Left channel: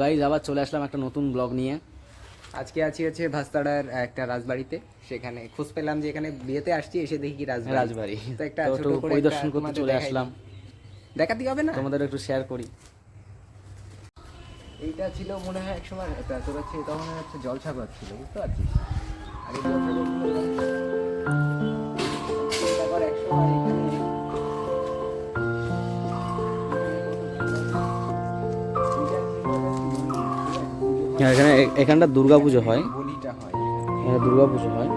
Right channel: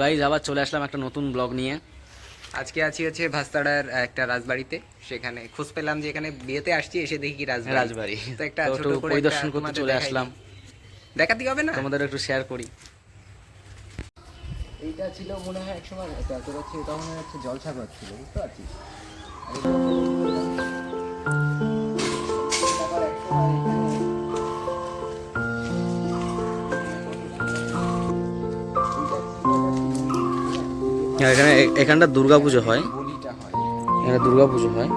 Guys আবার চলে আসলাম একটা নতুন ব্লগ নিয়ে। আজকে আছি হচ্ছে ভাস্তাড়ার একটা রাজবাড়িতে। সেখানে খোঁজ পেলাম যে এখানে বিয়েতে আসছি, এসে দেখি কি রাজবাড়ি তো একটা তো ছোট একটু করে পরিদর্শন একটা করতে তোমাদের চলে দেখাই আসলাম। দিই। দেখাতে হবে না? তোমাদের একটু শেয়ার করি। এইটা ছিল মনে হয় একসময় তোর হচ্ছে তখন হচ্ছে জলসাগর ছিল, বুঝতে পারছিস? আর এই জলসাগরগুলো এরকম তারপর একসময় এখানে এখানটা দুর্গা পুজো হয়, বলিটা হয়। এখানে দুর্গা পুজো হয়,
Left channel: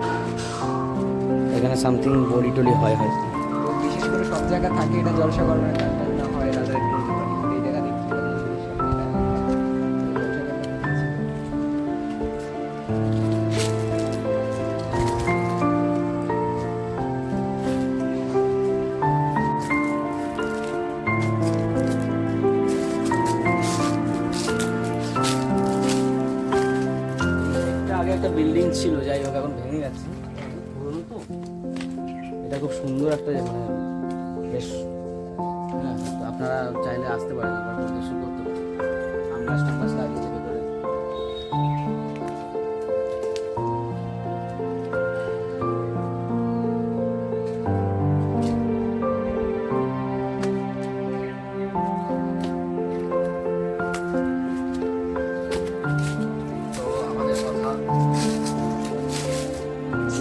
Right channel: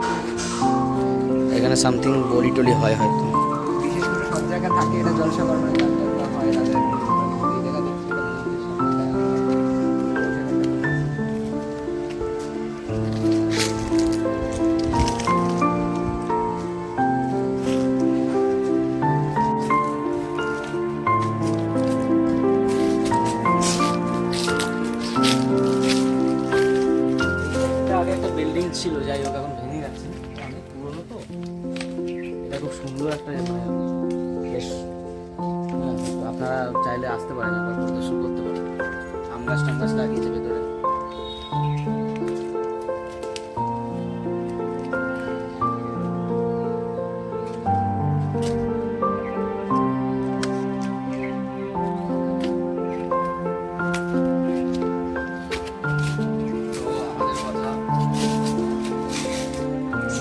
এখানে সামথিং বলি টলি হয় হয়তো। বিশেষ করে সব জায়গা থাকে এটা জলসাগর, মানে গান টান হয় রাজার এই জায়গা দেখছি এটা মন্দিরের সামনে আগে একটা বিল্ডিং ছিল, যাই হোক এখন ভেঙে গেছে, অনেক পুরনো তো। এটা খুব সুন্দর একটা বেশ, হ্যাঁ তো আপনারা চাইলে আসতে পারেন, একবার পরিদর্শন করতে পারেন। আম গাছ টাম গাছ লাগিয়েছে ভেতরে। তো আমাদের কথা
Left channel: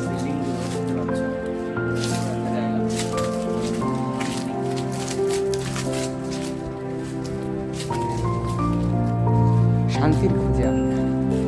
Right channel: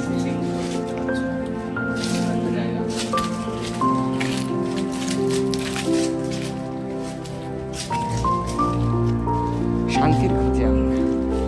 বিল্ডিংগুলো দেখতে পাচ্ছ, একটা জায়গা। শান্তির খোঁজে আমরা।